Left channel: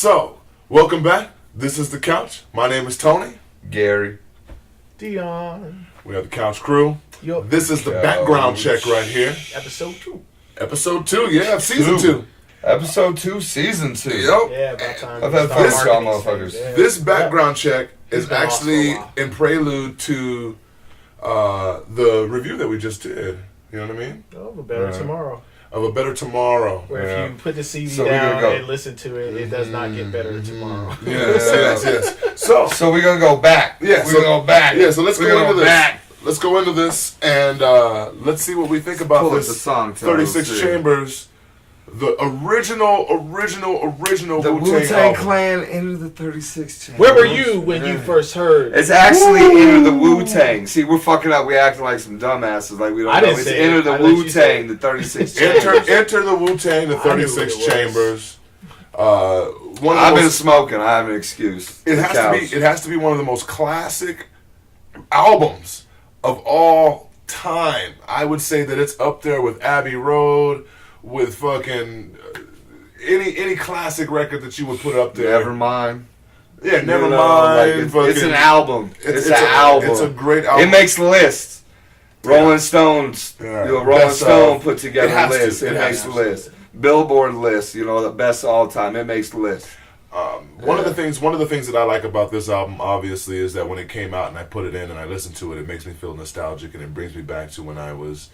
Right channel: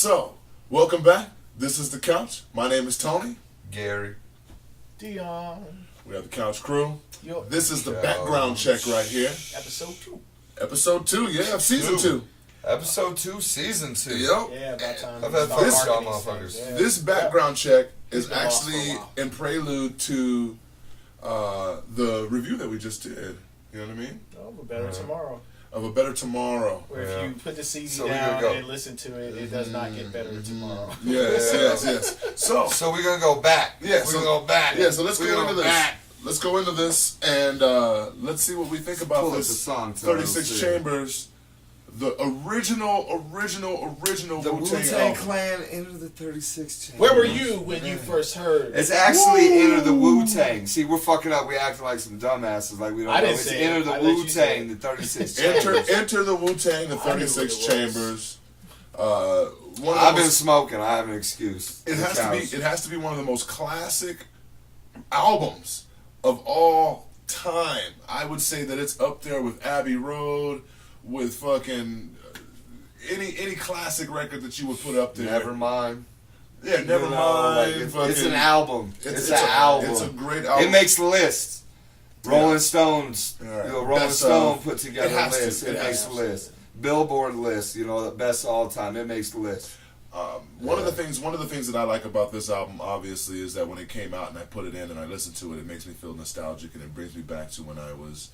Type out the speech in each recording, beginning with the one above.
So, welcome back. This is The Couch. My name is Tony. Gary. Dion. We have the Couch crew. Yo. This is the background check right here. Episode 2. Episode 2, yeah, of season 2. Episode 2, season 2. Yep. Yeah, about time. I've had fun with y'all motherfuckers. Yeah. This background check is been lost for a actually while. in prelude to the review that we just did. You know what I mean? Oh, but better tomorrow. Of A Better Tomorrow. Where if you put the CD So we gonna down go. and listen to it, it does not get better tomorrow. Yes. So, So we're going to go back. yeah, We're going to go back. Yeah, so let's We're go gonna into this. back. Let's go into this and let's see what we think about Pull up this the song, Tony. 36 Let's see. Chambers, the original The Wu-Tang Wu-Tang album. Clan Enter the 36 Chambers. Where were you when you first heard? It's actually Enter the Wu-Tang. See, we're fucking up. We acting like some dumbasses. Like we don't I know. didn't It's say Enter it. the I let you say Wu-Tang, it. the 36 Chambers. Enter the Wu-Tang, the 36 what it was. Chambers. One of the I've been most, smoking. I have an excuse. it The has couch. to be. It has to be one of the most classic albums of all time. I would say that it's up there with Abbey Road, with fucking any classic record that you would put up there. Never mind. Yeah, never You know, mind. like, fucking, it's an album. It's an album. It's a great album. It makes lists. Rolling Stones, Yeah. Rolling Best Stone of. put together It has a to. list. It It has makes to. lists. Billboard list, the best of all time. It makes lists. One of the things that I like about this album, obviously, is that when it came out and I put it in and I listen to it, it makes me feel nostalgic and it brings me back to when I was,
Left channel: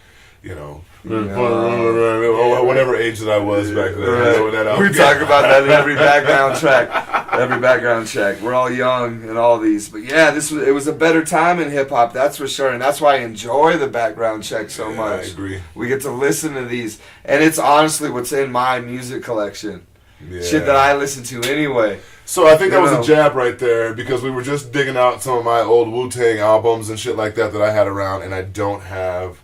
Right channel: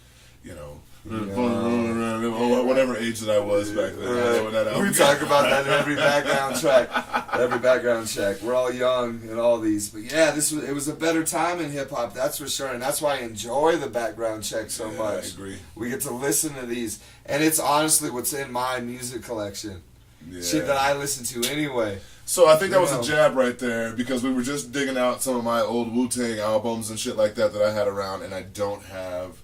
whatever age that I was back then. You know, when that album We came talk out. about that in every background track. Every background check. We're all young and all these, but yeah, it was a better time in hip hop. That's for sure, and that's why I enjoy the background check so Yeah, much. I agree. We get to listen to these, and it's honestly what's in my music collection. Yeah. Shit that I listen to anyway. So I think that You was know. a jab right there because we were just digging out some of my old Wu-Tang albums and shit like that I had around, and I don't have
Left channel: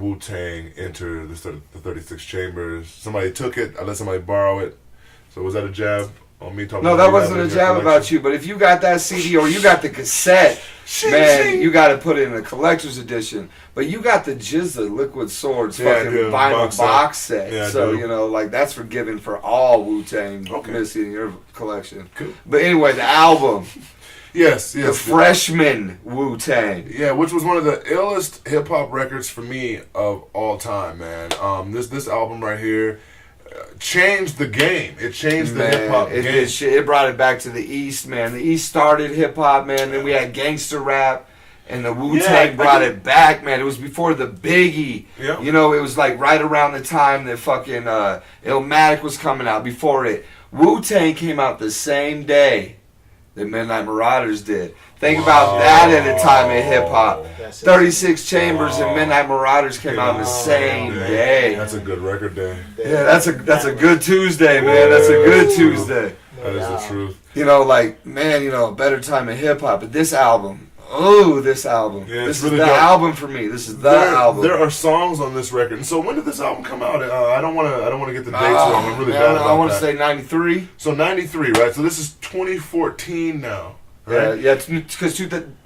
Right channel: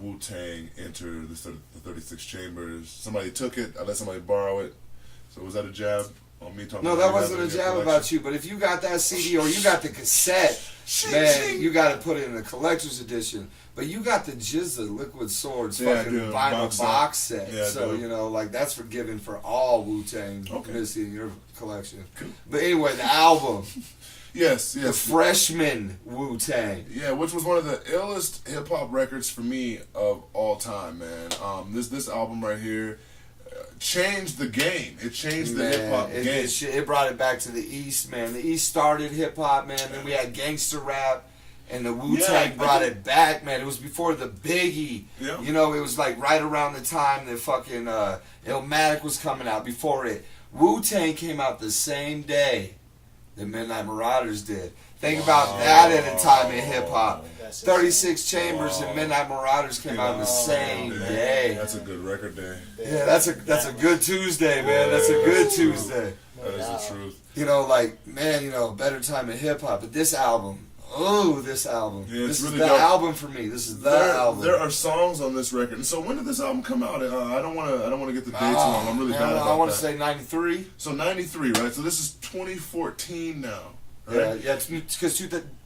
Wu-Tang Enter the 36 Chambers. Somebody took it. I let somebody borrow it. So was that a jab on me talking No, about that you wasn't having a it in your jab collection? about you. But if you got that CD or you got the cassette, man, you got to put it in a collector's edition. But you got the Jizza Liquid Swords Yeah, I fucking do. vinyl box set. Yeah, I So, do. that's forgiven for all Wu-Tang Okay. missing in your collection. Cool. But anyway, the album, Yes. the freshman Wu-Tang. Yeah, which was one of the illest hip hop records for me of all time, man. This album right here changed the game. It changed the hip hop it game. did shit. It brought it back to the East, man. The East started hip hop, man. Then we had gangster rap, and the Wu-Tang Yeah, brought it back, man. It was before the Biggie. Yeah. It was like right around the time that fucking Illmatic was coming out. Before it, Wu-Tang came out the same day that Midnight Marauders did. Think about that at a time in hip hop. 36 Chambers and Midnight Marauders came out the same day. That's a good record day. Yeah, that's a good Tuesday, man. That's a good that's true. Tuesday. That is the truth. Better time in hip hop. But this album, this album. Yeah, it's This is really the dope. album for me. This is the album. There are songs on this record. And so when did this album come out? I don't want to get the dates wrong. I'm really bad about I want that. to say 93. So 93, right? So this is 2014 now. Right? Yeah, because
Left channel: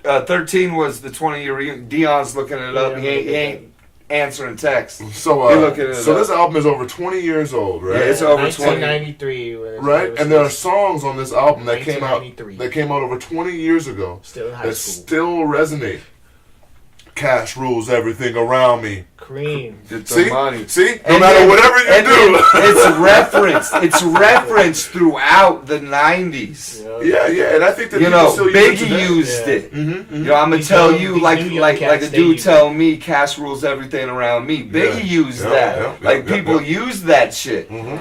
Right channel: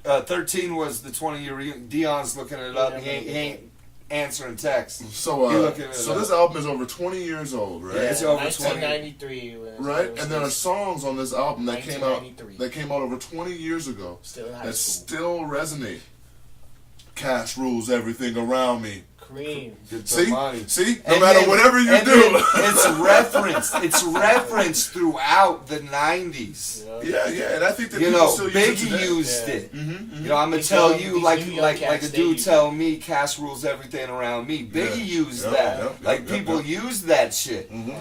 13 was the 20-year reunion. Dion's looking it up. He ain't answering texts. So You're looking it so up. this album is over 20 years old, right? Yeah, it's over 20. 1993. Right, and there are songs on this album that came out 1993. over 20 years ago Still in high that school. still resonate. Cash rules everything around me. Cream. Get the See, money. see, no And matter then- whatever you and do. then it's referenced. It's referenced throughout the 90s. Yeah, and I think that You people know, still use it Biggie today. used Yeah. it. Mm-hmm, I'm gonna These tell young- you these like new young like a cats, they dude use tell me, cash rules everything around me. Biggie Yeah. used Yep, that. yep, Like yep, people yep. use that shit. Mhm.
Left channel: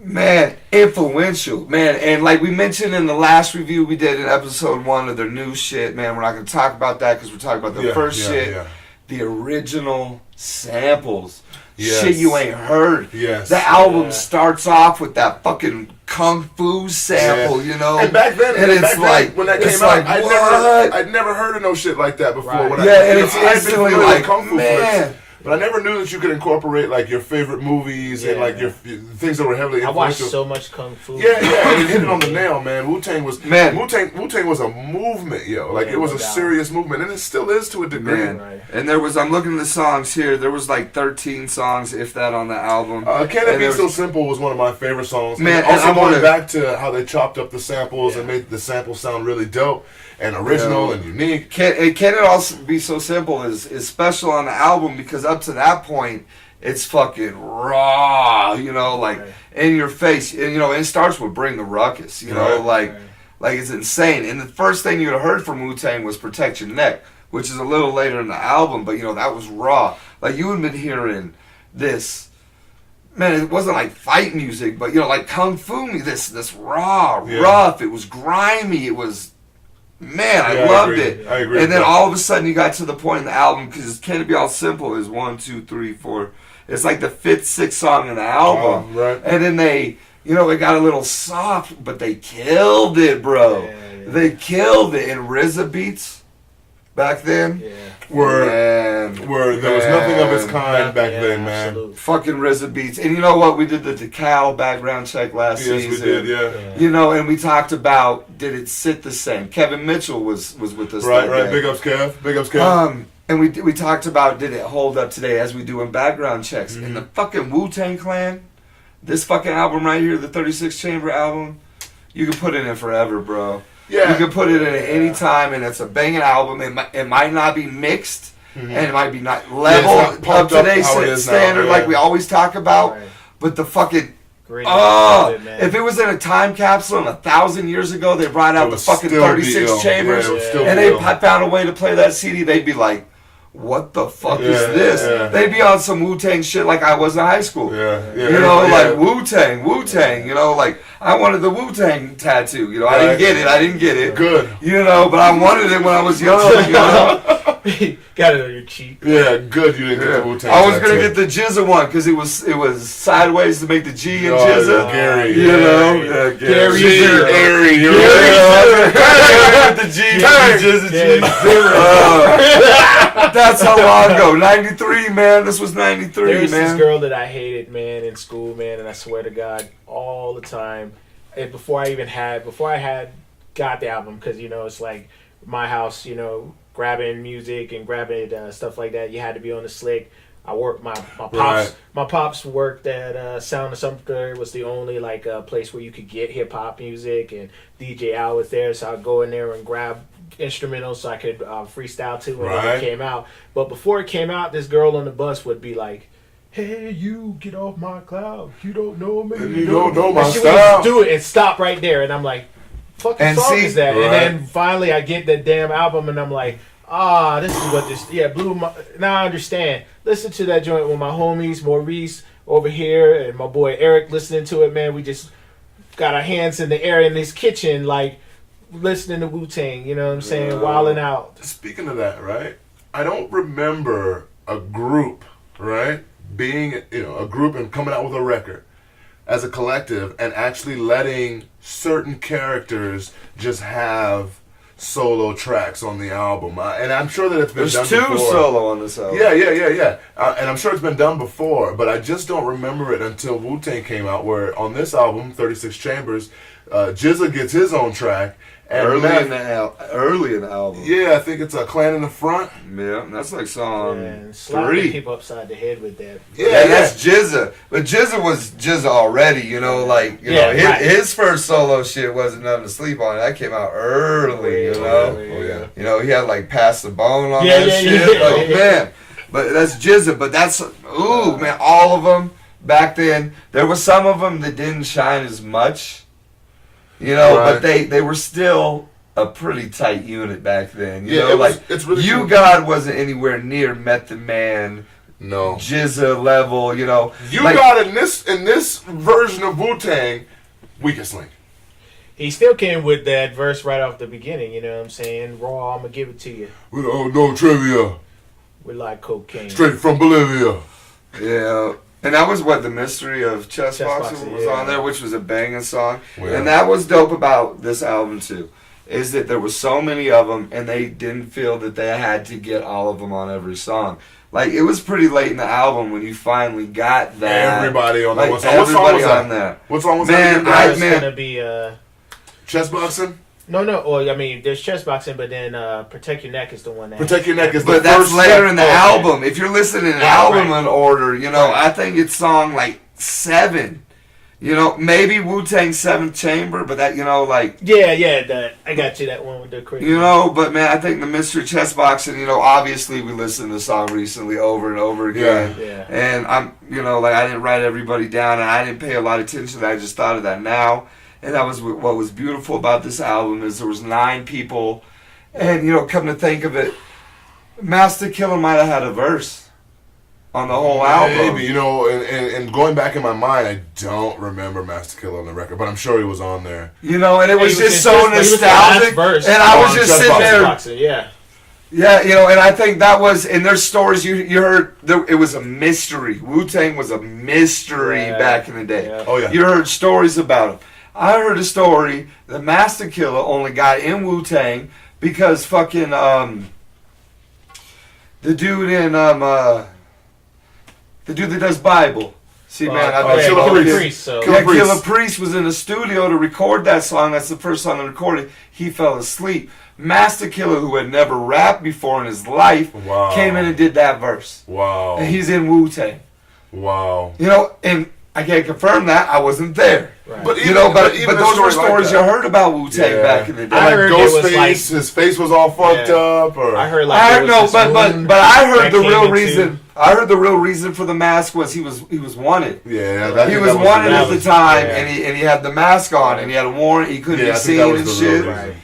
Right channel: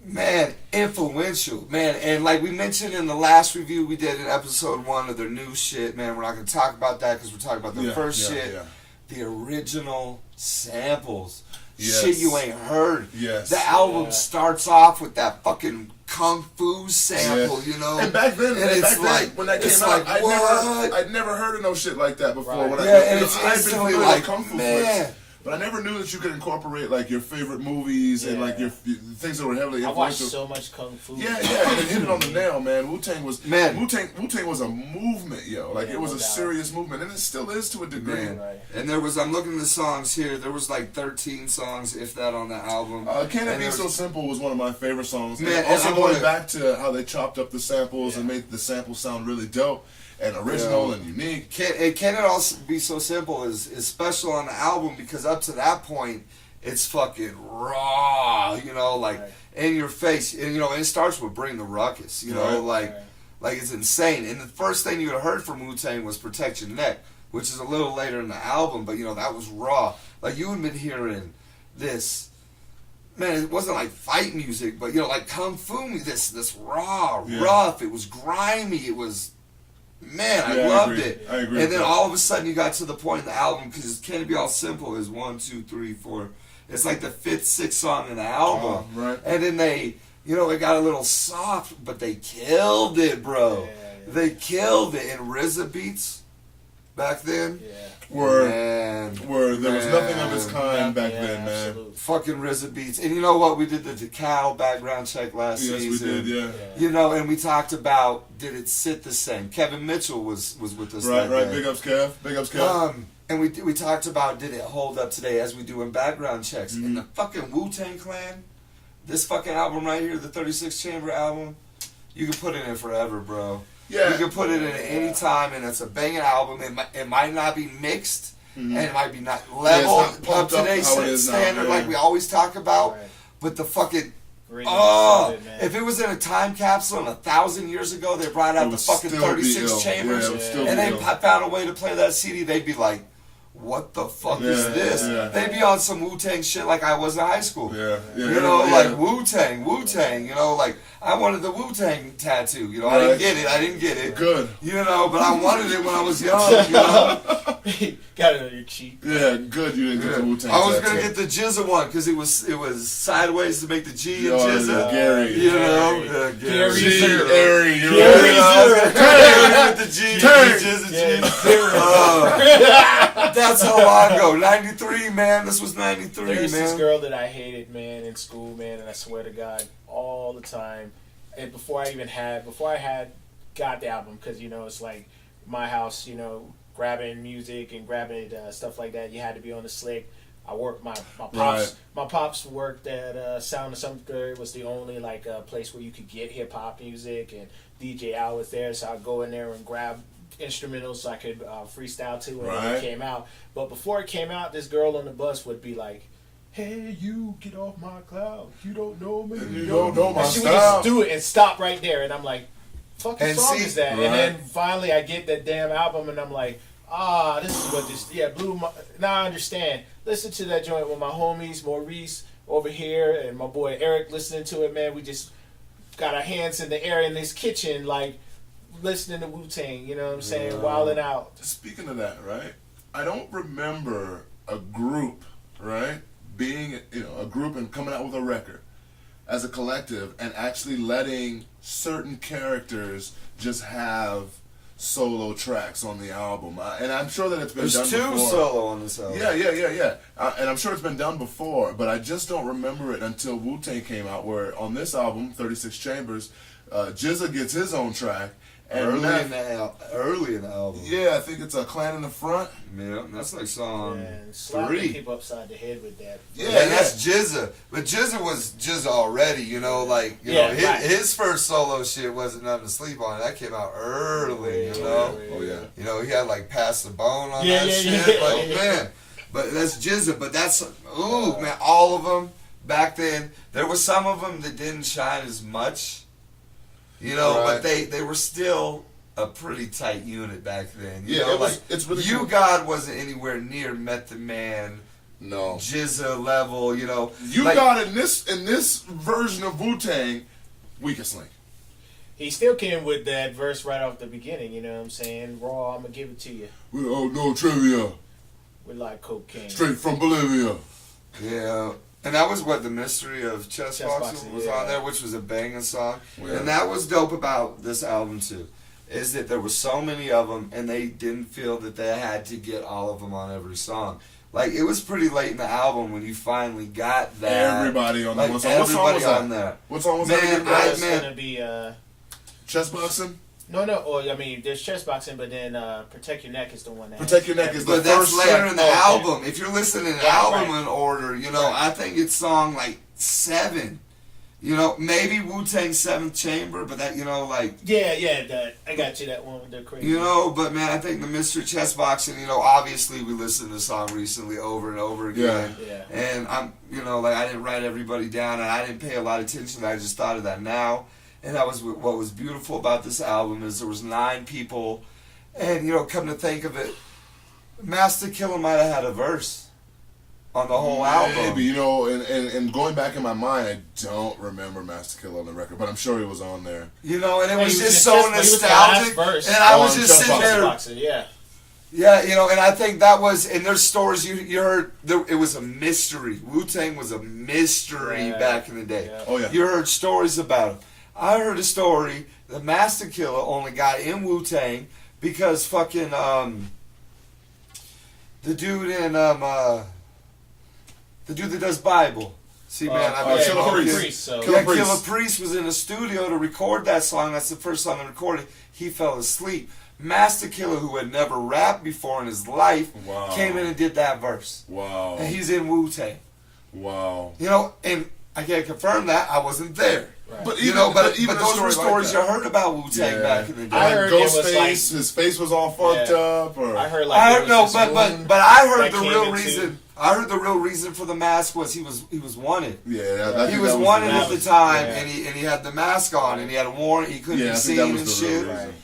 Man, influential, man. And like we mentioned in the last review we did in episode 1 of their new shit, man. We're not gonna talk about that because we're talking about the first shit. Yeah. The original samples. Yes. Shit you ain't heard. Yes. The album Yeah. starts off with that fucking kung fu sample, Yeah. And back then, and it's back then, like when that it's came out, like, what? I'd never heard of no shit like that before. Right. When Yeah, and I'd it's been instantly familiar with like, kung fu man, flicks. But I never knew that you could incorporate like your favorite movies and like your things that were heavily I watched influential. so much kung fu. Yeah, and it hit it on the nail, man. Wu-Tang was Wu-Tang was a movement, yo. Like it was a serious movement, and it still is to a degree. Man. And there was, I'm looking at the songs here. There was like 13 songs, if that, on the album. Can It Be So Simple was one of my favorite songs. Man, and also and going back to how they chopped up the samples and made the samples sound really dope and original and unique. Can It All Be So Simple is special on the album because up to that point, it's fucking raw, you know, like in your face. And, you know, it starts with Bring the Ruckus, you know, like it's insane. And the first thing you'd have heard from Wu-Tang was Protect Your Neck, which is a little later in the album, but, you know, that was raw. Like, you had been hearing this, man, it wasn't like fight music, but, you know, like kung fu, this raw, rough, it was grimy, it was... Man, I loved it. I agree. And then all of a sudden you got to the point in the album, because Can It Be All Simple is 1, 2, 3, 4. It's like the 5th, 6th song in the album. Oh, right. And then they, you know, it got a little soft, but they killed it, bro. Yeah. They killed it. And RZA beats back then were there was nothing of its kind back Yeah, then, man. absolutely. fucking RZA beats. And you know what? We did the Decal background check last season. Yes, we did, yeah. You know, and we talked about, did it sit the same? Kevin Mitchell was with us. Right, that right. day. Big ups, Kev. Big ups, Kev. And we talked about, did it hold up today, as we do in background checks. And the fucking Wu-Tang Clan, this fucking album right here, the 36 Chamber album, you can put it in forever, bro. Yeah. You can put it in at any time, and it's a banging album. It might not be mixed, and it might be not level not of pumped up today's how it is now, standard yeah. like we always talk about. Right. But the fucking... Great. if it was in a time capsule and 1,000 years ago, they brought out It the would fucking still be 36 ill. Chambers, Yeah, it would still and be they ill. found a way to play that CD, they'd be like, what the fuck is Yeah, this? yeah. They'd be on some Wu-Tang shit like I was in high school. Yeah, yeah. You know, yeah. like Wu-Tang, you know, like I wanted the Wu-Tang tattoo, you know, I didn't get it. Good. You know, but I wanted it when I was young, you know. Got it on your cheek. Yeah, good. You didn't get the Wu-Tang. I was gonna tattoo. get the Jizza one because it was sideways to make the G in Oh, Jizza. Gary. You know, Gary. Gary. G, Gary, you're Yeah, right. I was gonna with the G, Jizza, G. That's how long ago. 93, man. This was 93, There's man. this girl that I hated, man, in school, man, and I swear to God, all the time. And before I had got the album, because you know it's like my house, you know, grabbing music and grabbing stuff like that. You had to be on the slick. I worked my pops. Right. My pops worked at Sound of Sumter. It was the only like place where you could get hip hop music, and DJ Al was there, so I'd go in there and grab instrumentals so I could freestyle to when it came out. But before it came out, this girl on the bus would be like, "Hey, you get off my cloud. You don't know me. You don't know my and she style." would do it and stop right there, and I'm like, "Fucking And song see- is that?" Right. And then finally, I get that damn album, and I'm like, this is what this blew my. Now I understand. Listen to that joint with my homies Maurice over here and my boy Eric listening to it. Man, we just got our hands in the air in this kitchen, like listening to Wu-Tang. You know what I'm saying? Wilding out. Speaking of that, right? I don't remember a group, right, being, you know, a group and coming out with a record as a collective and actually letting certain characters just have solo tracks on the album. And I'm sure that it's been There's done two before. solo on this album. Yeah. And I'm sure it's been done before, but I just don't remember it until Wu-Tang came out, where on this album, 36 Chambers, Jizza gets his own track. And Early in the album. yeah, I think it's a Clan in the Front. Yeah, that's like song And slapping 3. people upside the head with that. Yeah, that's Jizza. But Jizza was Jizza already, you know, like, you know, his first solo shit wasn't nothing to sleep on. That came out early, you know. Oh, yeah. You know, he had like Pass the Bone on that shit. Like, man. But that's Jizza. But that's, man, all of them back then. There were some of them that didn't shine as much, you know, but they were still a pretty tight unit back then. You know, it's really You cool. God wasn't anywhere near Method Man, No. Jizza level, you know. You like, got in this version of Wu-Tang, Weakest Link. He still came with that verse right off the beginning, you know what I'm saying? Raw, I'm gonna give it to you. We don't know trivia. We like cocaine. Straight from Bolivia. Yeah. And that was what the mystery of Chessboxin Chessboxin, was yeah. on there, which was a banging song. Yeah. And that was dope about this album too. is that there was so many of them, and they didn't feel that they had to get all of them on every song. Like, it was pretty late in the album when you finally got that. Everybody on like, that. What song was on that? that. What song was Man, that? It's gonna be Chessboxin? No. Or I mean, there's Chessboxin, but then Protect Your Neck is the one that. Protect Your Neck is the But first that's later step. in the album. If you're listening in album right. in order, you know, Right. I think it's song like 7. You know, maybe Wu-Tang 7th Chamber, but that, you know, like... Yeah, I got you, that one with the crazy. You know, but man, I think the Mystery Chessboxing, you know, obviously we listened to the song recently over and over again. Yeah. And I'm, you know, like I didn't write everybody down and I didn't pay a lot of attention to that. I just thought of that now. And that was what was beautiful about this album is there was 9 people. And, you know, come to think of it, Master Killer might have had a verse on the whole album. Maybe, you know, and going back in my mind, I don't remember Master Killer on the record, but I'm sure he was on there. You know, and it was just so he was the last nostalgic. verse. And I was On just sitting there. Chessboxin, yeah. Yeah, you know, and I think that was, and there's stories you heard, it was a mystery. Wu-Tang was a mystery back in the day. Yeah. Oh, yeah. You heard stories about him. I heard a story that Master Killer only got in Wu-Tang because fucking, the dude in, the dude that does Bible. See, man, I've been Killer Killer Priest. So. Killer Priest. Killer Priest was in the studio to record that song. That's the first song they recorded. He fell asleep. Master Killer, who had never rapped before in his life, Wow. came in and did that verse. Wow. And he's in Wu-Tang. Wow. You know, and I can't confirm that. I wasn't there. Right. But even, You know, but even a those were story stories like you that. heard about Wu-Tang Yeah. back in the day. I Like heard it was Ghostface, like- his face was all fucked Yeah. up, or I heard like I there heard was no, this but moon I heard that the came real into- reason. I heard the real reason for the mask was he was wanted. yeah, that, He that was wanted the at the reason. time, yeah. and he had the mask on, and he had a warrant. He couldn't Yeah, I be think seen that and was the real shit. reason.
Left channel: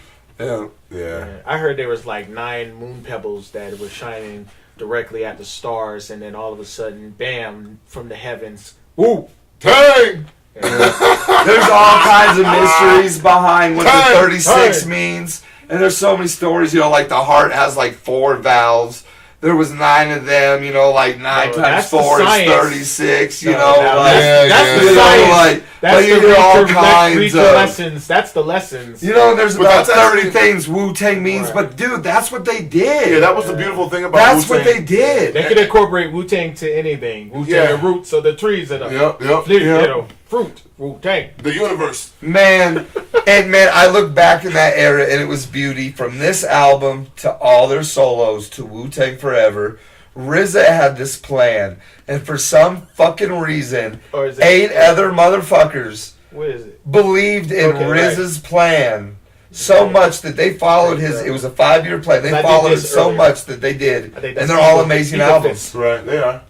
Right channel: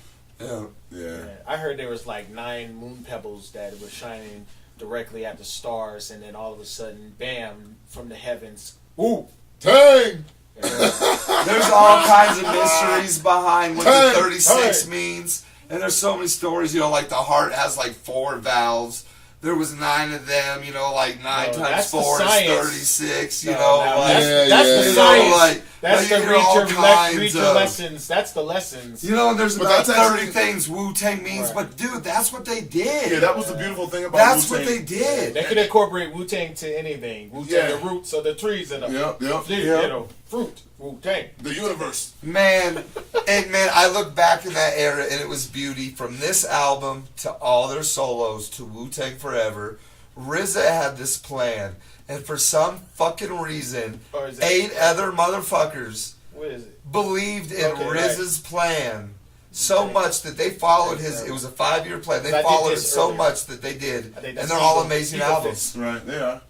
Yeah. Yeah. I heard there was like 9 moon pebbles that were shining directly at the stars, and then all of a sudden, bam, from the heavens. Ooh, Tang! There's all kinds of mysteries behind what Hey, the 36 hey. means. And there's so many stories, you know, like the heart has like 4 valves. There was 9 of them, you know, like 9 Oh, times that's the 4 is science. 36, you No, know, no, like, Yeah, that's yeah, the yeah. science. like, That's but you the hear all read kinds the of, lessons. That's the lessons. you know, there's But about that's 30 actually- things Wu-Tang means, Right. but dude, that's what they did. Yeah, that was the beautiful thing about That's what Wu-Tang. they did. They could incorporate Wu-Tang to anything. Wu-Tang, Yeah. the roots of the trees and the Yep, yep, you yep. know, fruit. Wu-Tang. The universe. Man, and man, I look back in that era and it was beauty from this album to all their solos to Wu-Tang Forever. RZA had this plan, and for some fucking reason, Or is it 8 other motherfuckers What is it? believed in Okay, RZA's plan so Yeah. much that they followed his. It was a 5-year plan. They I did followed it this so earlier. much that they did, I think and that's they're all Eagle- amazing Eagle albums. Fist. Right, they are.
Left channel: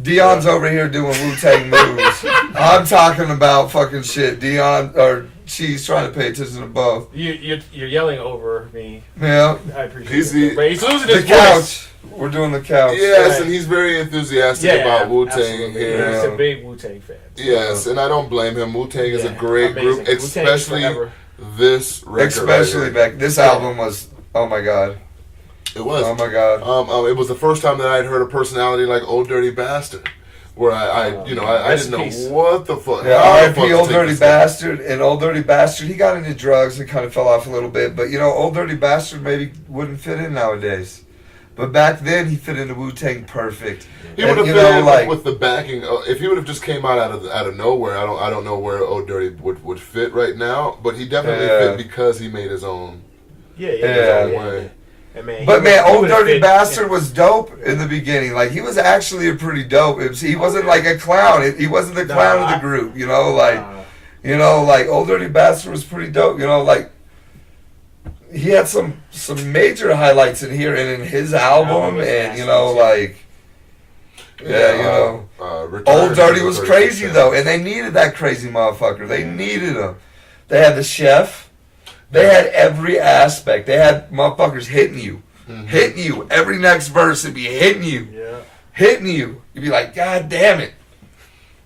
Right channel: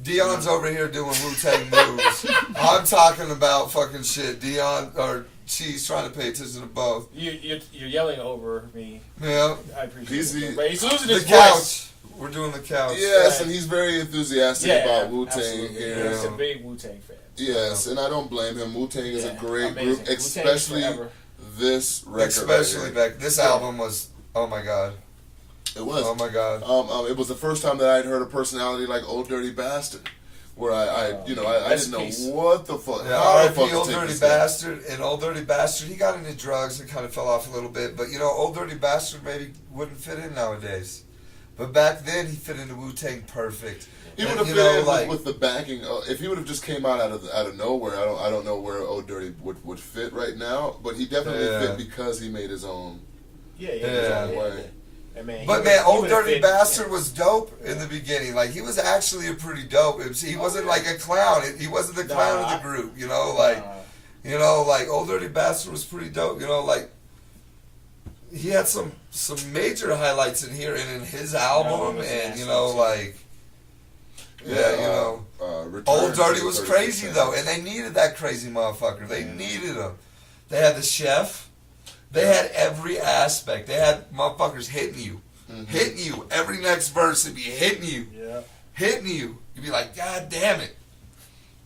Dion's over here doing Wu-Tang moves. I'm talking about fucking shit. Dion, or she's trying to pay attention to both. You're yelling over me. Yeah. I appreciate He's it. the- But he's losing The his couch. voice. We're doing the couch. Yes, Right. and he's very enthusiastic Yeah, about Wu-Tang absolutely. here. He's a big Wu-Tang fan. Yes, and I don't blame him. Wu-Tang is a Yeah, great amazing. group, Wu-Tang especially forever. this record. Especially right here. back. This album was. Oh my god. It was. Oh my god. It was the first time that I'd heard a personality like Old Dirty Bastard, where I Rest didn't know in peace. what the fuck. Yeah, how the R.I.P. fuck to Old take Dirty this guy. Bastard. And Old Dirty Bastard, he got into drugs and kind of fell off a little bit. But, you know, Old Dirty Bastard maybe wouldn't fit in nowadays. But back then, he fit into Wu-Tang perfect. He And, would have you fit know, in like, with the backing. If he would have just came out of nowhere, I don't know where Old Dirty would fit right now. But he definitely Yeah. fit because he made his own Yeah. his own Yeah. way. And man, But he man, was- he Old would've Dirty fit- Bastard was dope in the beginning. Like, he was actually a pretty dope MC. He wasn't like a clown. He wasn't the clown of the group, you know? Like, you know, like, Old Dirty Bastard was pretty dope. You know, like, he had some major highlights in here and in his album. was And, you massive, know, yeah. like, yeah, you know. Return Old to Dirty the was 36 crazy, Chambers. though. And they needed that crazy motherfucker. They needed him. They had the chef. They had every aspect. They had motherfuckers hitting you. Hitting you. Every next verse would be hitting you. Yeah. Hitting you. You'd be like, God damn it.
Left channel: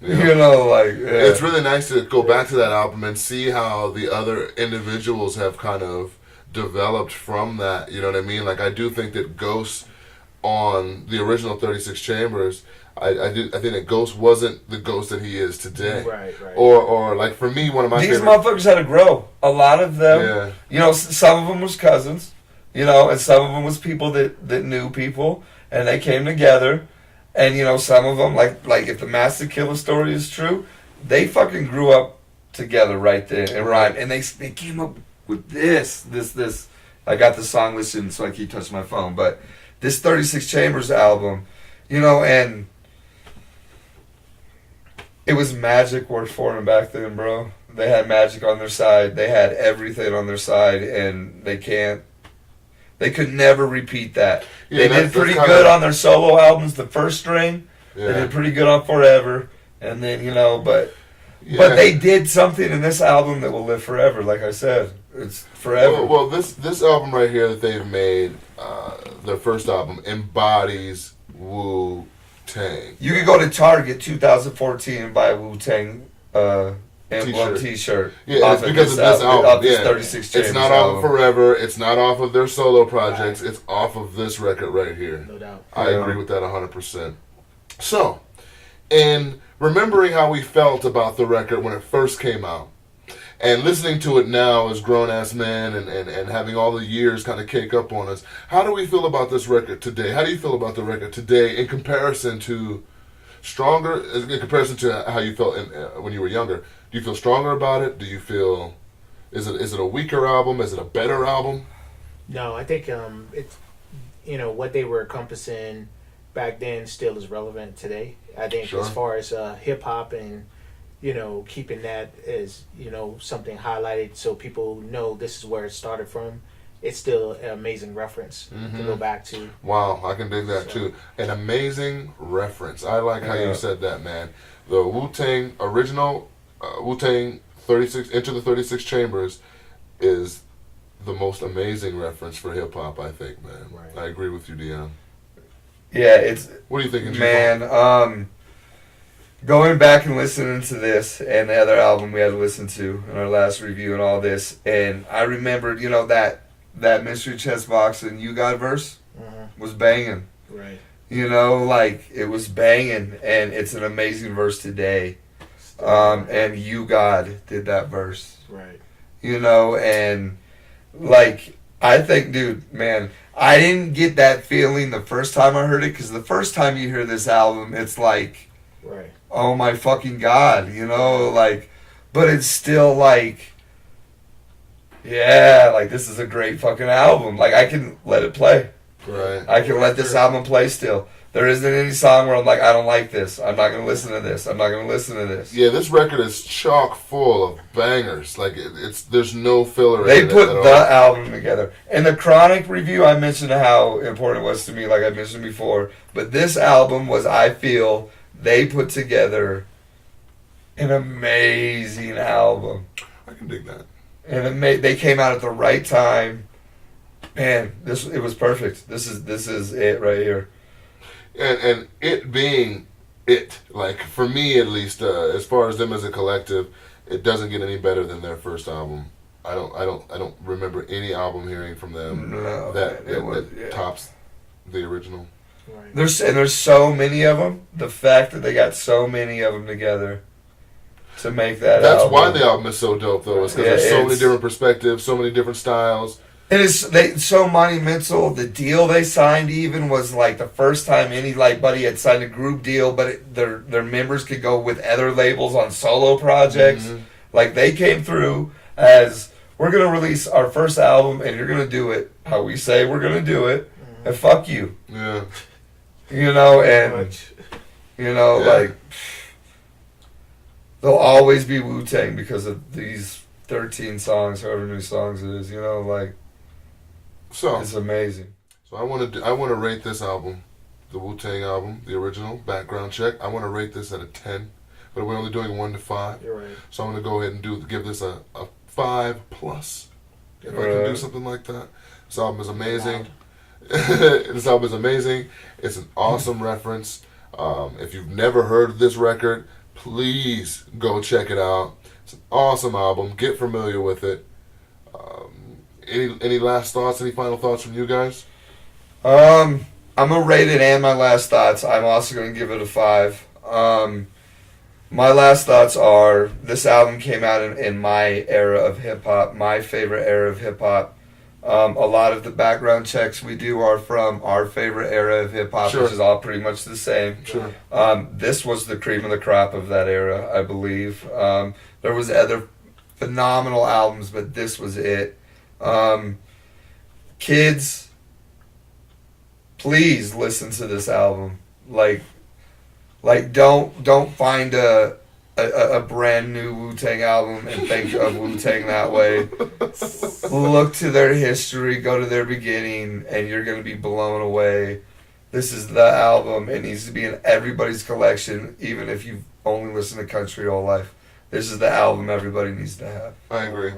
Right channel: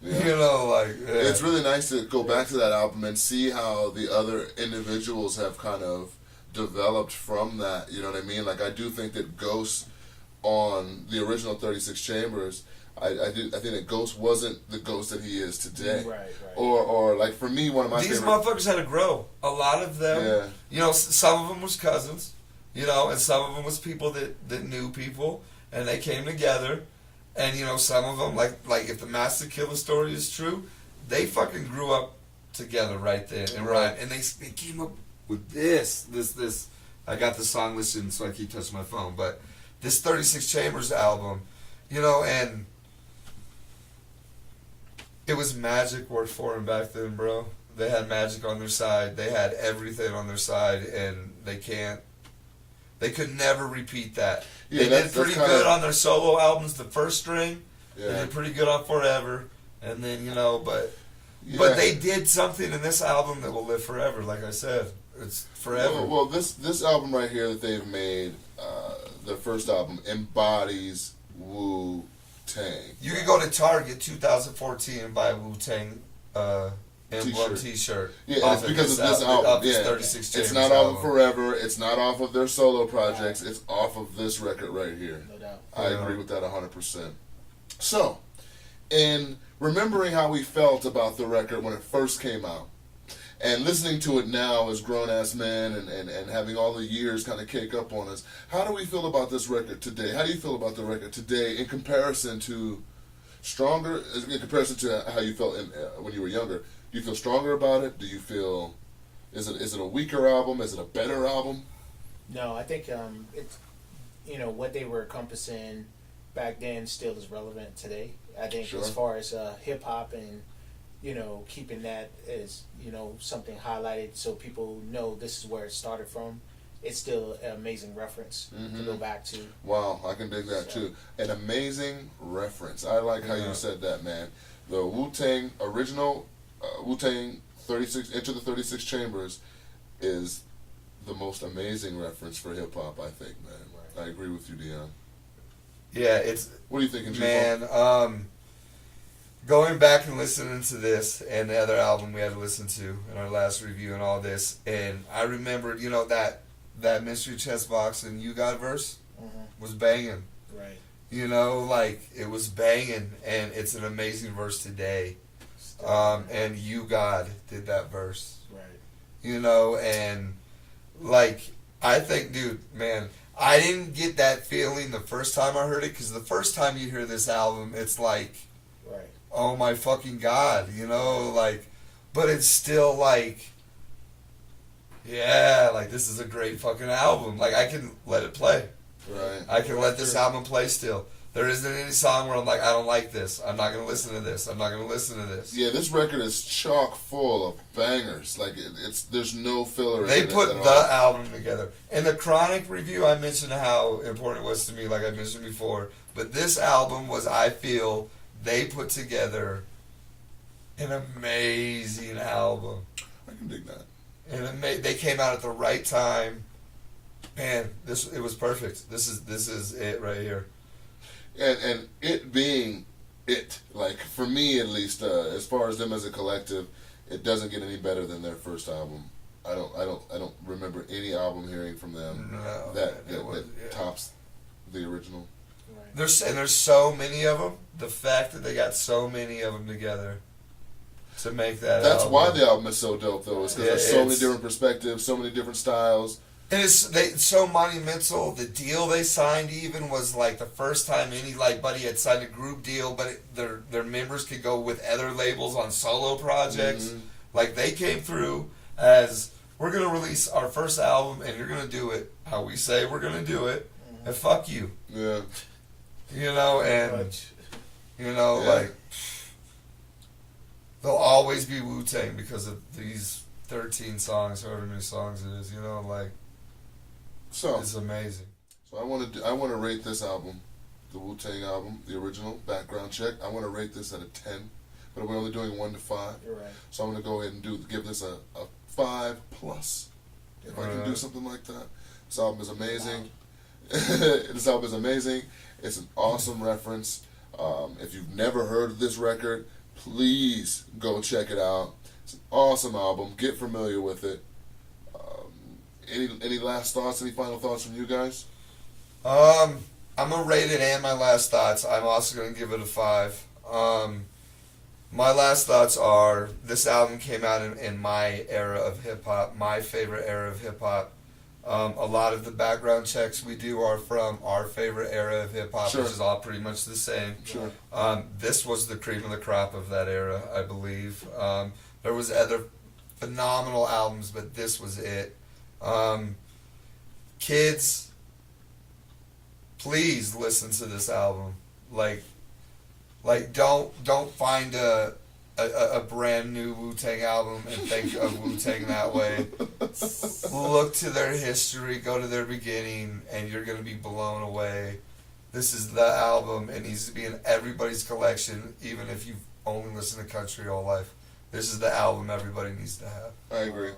Yeah. You know, like, yeah. It's really nice to go back to that album and see how the other individuals have kind of developed from that. You know what I mean? Like, I do think that Ghost on the original 36 Chambers, I think that Ghost wasn't the Ghost that he is today. Right. Or like for me, one of my These favorite. motherfuckers had to grow. A lot of them, Yeah. you know, some of them was cousins, you know, and some of them was people that knew people, and they came together, and you know, some of them like if the Master Killer story is true, they fucking grew up together right there and rhymed, and they came up with this. I got the song listed, so I keep touching my phone, but this 36 Chambers album, you know, and it was magic worth for them back then, bro. They had magic on their side. They had everything on their side, and they could never repeat that. Yeah, they did pretty good on their solo albums, the first string. Yeah. They did pretty good on Forever, and then, you know, but they did something in this album that will live forever, like I said. It's forever. Well, this album right here that they've made, their first album, embodies Wu-Tang. You could go to Target 2014 and buy a Wu-Tang emblem t-shirt. Yeah, it's because of this album. Off this Yeah. 36 Chambers It's not off of Forever. It's not off of their solo projects. It's off of this record right here. No doubt. I agree with that 100%. So, in remembering how we felt about the record when it first came out, and listening to it now as grown-ass men and having all the years kind of cake up on us, how do we feel about this record today? How do you feel about the record today in comparison to how you felt when you were younger? Do you feel stronger about it? Do you feel, is it a weaker album? Is it a better album? No, I think it's, you know, what they were encompassing back then still is relevant today. I think Sure. as far as hip hop and, you know, keeping that as, you know, something highlighted so people know this is where it started from, it's still an amazing reference to go back to. Wow, I can dig that too. An amazing reference. I like how you said that, man. The Wu-Tang original, Wu-Tang 36, Enter the 36 Chambers is the most amazing reference for hip-hop, I think, man. Right. I agree with you, Dion. Yeah, it's... What are you thinking, man, going back and listening to this and the other album we had to listen to in our last review and all this, and I remembered, you know, that Mystery Chessboxin You God verse was banging. Right. You know, like, it was banging, and it's an amazing verse today. And You God did that verse. Right. You know, and, like, I think, dude, man, I didn't get that feeling the first time I heard it, because the first time you hear this album, it's like, right. Oh my fucking God, you know, like, but it's still like, yeah, like, this is a great fucking album. Like, I can let it play. Right. I can let this album play still. There isn't any song where I'm like, I don't like this. I'm not going to listen to this. I'm not going to listen to this. Yeah, this record is chock full of bangers. Like, there's no filler They in it put at the all. album together. In the Chronic review, I mentioned how important it was to me, like I mentioned before. But this album was, I feel, they put together an amazing album. I can dig that. And they came out at the right time. Man, it was perfect. This is it right here. And it being it, like, for me at least, as far as them as a collective, it doesn't get any better than their first album. I don't remember any album hearing from them that tops the original. Right. There's so many of them. The fact that they got so many of them together to make that That's album. why the album is so dope, though. Is because there's so many different perspectives, so many different styles. It is so monumental. The deal they signed even was like the first time anybody had signed a group deal, but their members could go with other labels on solo projects. Mm-hmm. Like, they came through as, we're going to release our first album and you're going to do it how we say we're going to do it, and fuck you. Yeah. You know, and, you know, like, they'll always be Wu-Tang because of these 13 songs, however many songs it is, you know, like, So it's amazing. So I want to rate this album, the Wu-Tang album, the original, Background Check. I want to rate this at a 10, but we're only doing 1 to 5. You're right. So I'm going to go ahead and give this a 5+. If I can do something like that. This album is amazing. This album is amazing. It's an awesome reference. If you've never heard this record, please go check it out. It's an awesome album. Get familiar with it. Any last thoughts? Any final thoughts from you guys? I'm gonna rate it and my last thoughts. I'm also gonna give it a 5. My last thoughts are this album came out in my era of hip hop, my favorite era of hip hop. A lot of the background checks we do are from our favorite era of hip hop, Sure. which is all pretty much the same. Sure. This was the cream of the crop of that era, I believe. There was other phenomenal albums, but this was it. Kids, please listen to this album. Don't find a brand new Wu-Tang album and think of Wu-Tang that way. Look to their history, go to their beginning, and you're going to be blown away. This is the album. It needs to be in everybody's collection, even if you've only listened to country all life. This is the album everybody needs to have. I agree.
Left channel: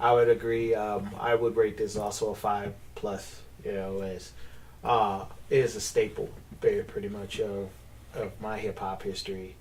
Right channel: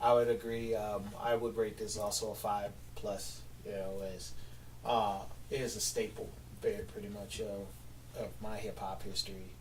I would agree. I would rate this also a 5+. You know, as it is a staple, pretty much of my hip hop history.